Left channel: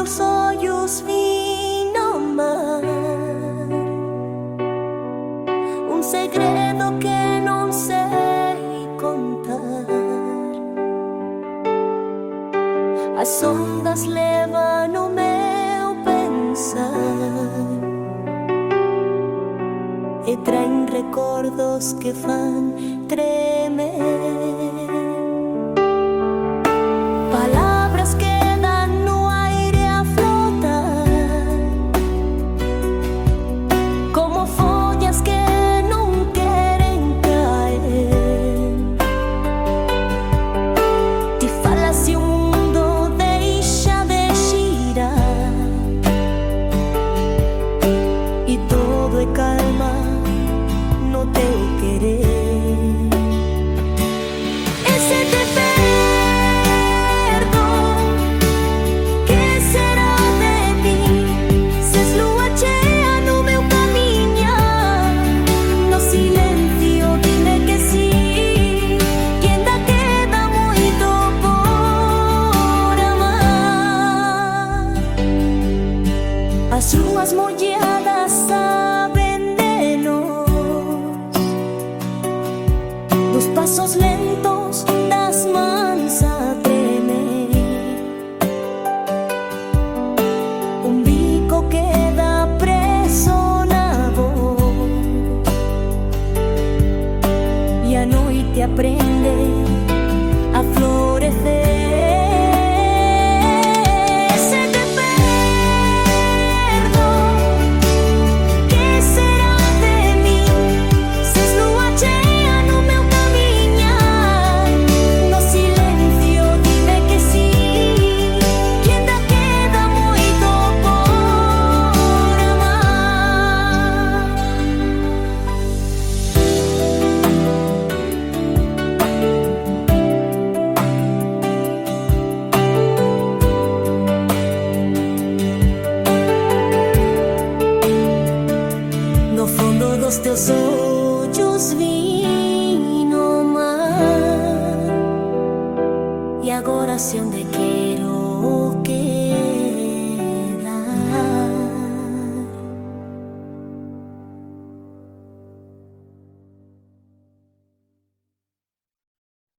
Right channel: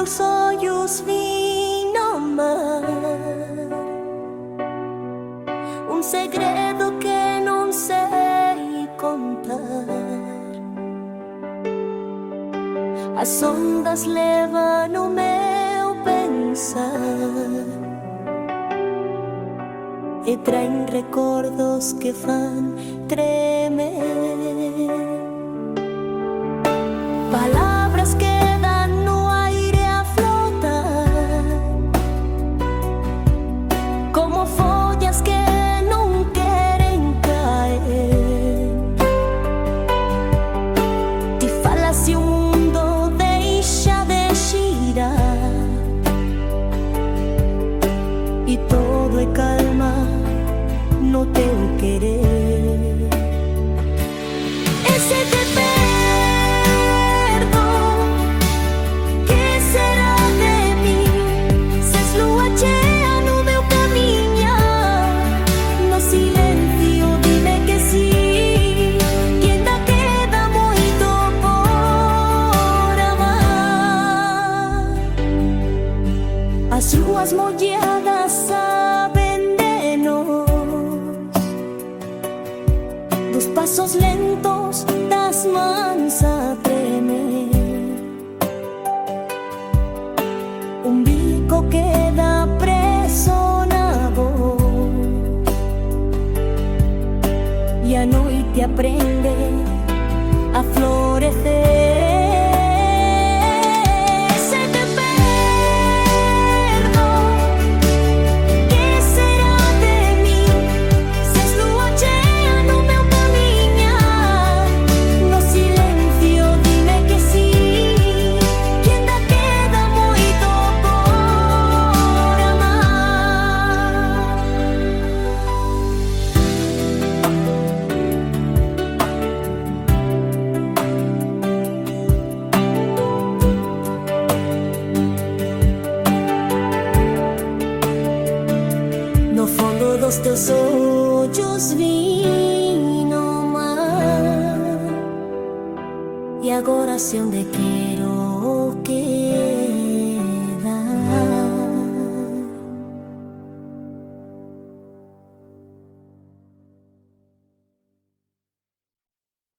teus olhos vi no mar um segredo que não sei contar. As ondas levam o meu pensar e traem recordos que fan tremer. Palavras quedan no aire a flotar, como folhas que não querem cair. Te fala se o mundo deixa de girar e todo é calma no teu querer. E se te perdo, que será de mim? Se és lua cheia no meu caminhar, no silêncio dime que sim, que ainda queda muito por amar. As ruas molhadas sabem de nós, dos passos lentos das mãos a tremer. Bico queda preso na voz e a noite aprende a florescer. No fundo dos teus olhos vi no mar, e agora sei onde quero que